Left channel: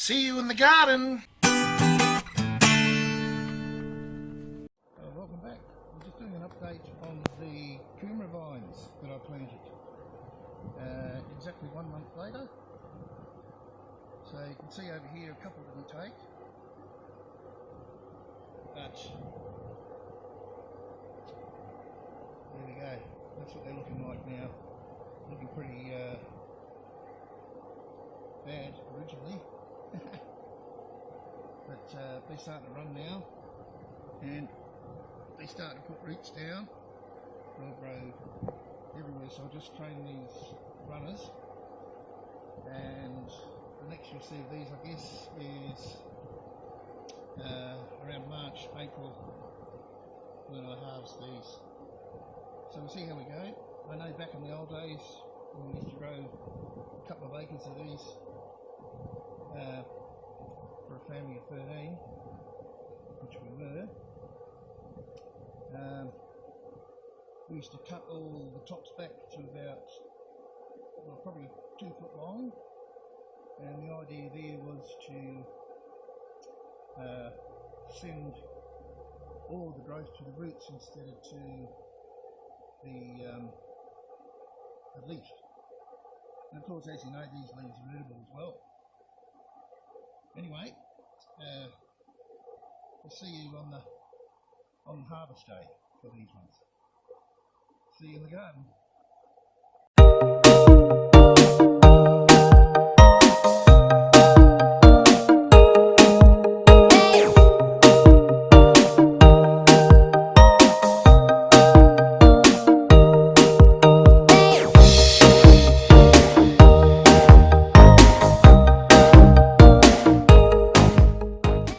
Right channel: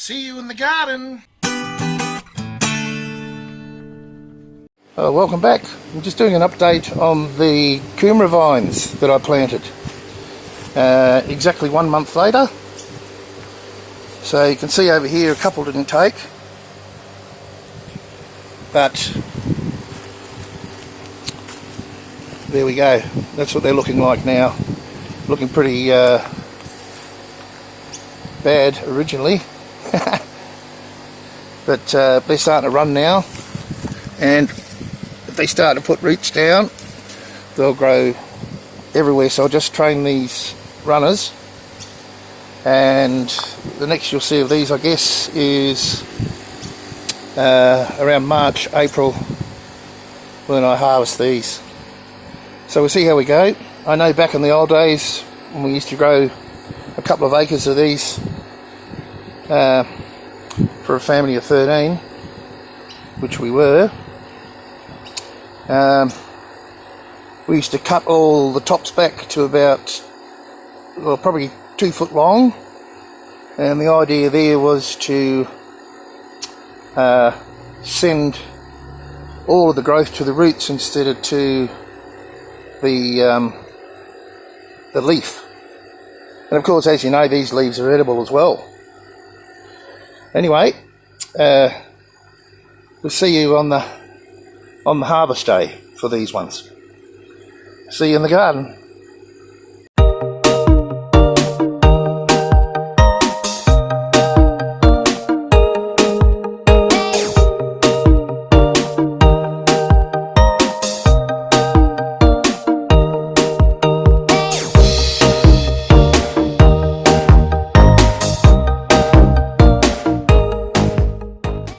See you in the garden. Welcome back. I'm just doing an update on the Kumara vines that I planted. Exactly 1 month later. So you can see over here a couple didn't take. But there we go. That's what they're looking like now. Looking pretty bad originally. But they're starting to run now. And if they start to put roots down, they'll grow everywhere. So I'll just train these runners, and the next you'll see of these, I guess, is around March, April, when I harvest these. So we'll see how we go. I know back in the old days when we used to grow a couple of acres of these for a family of 13, which we were, we used to cut all the tops back to about, well, probably 2 foot long, and the idea there was to send all of the growth to the roots instead of to the leaf. And of course, as you know, these leaves are edible as well. Anyway, we'll see you on the harvest day for these ones. See you in the garden.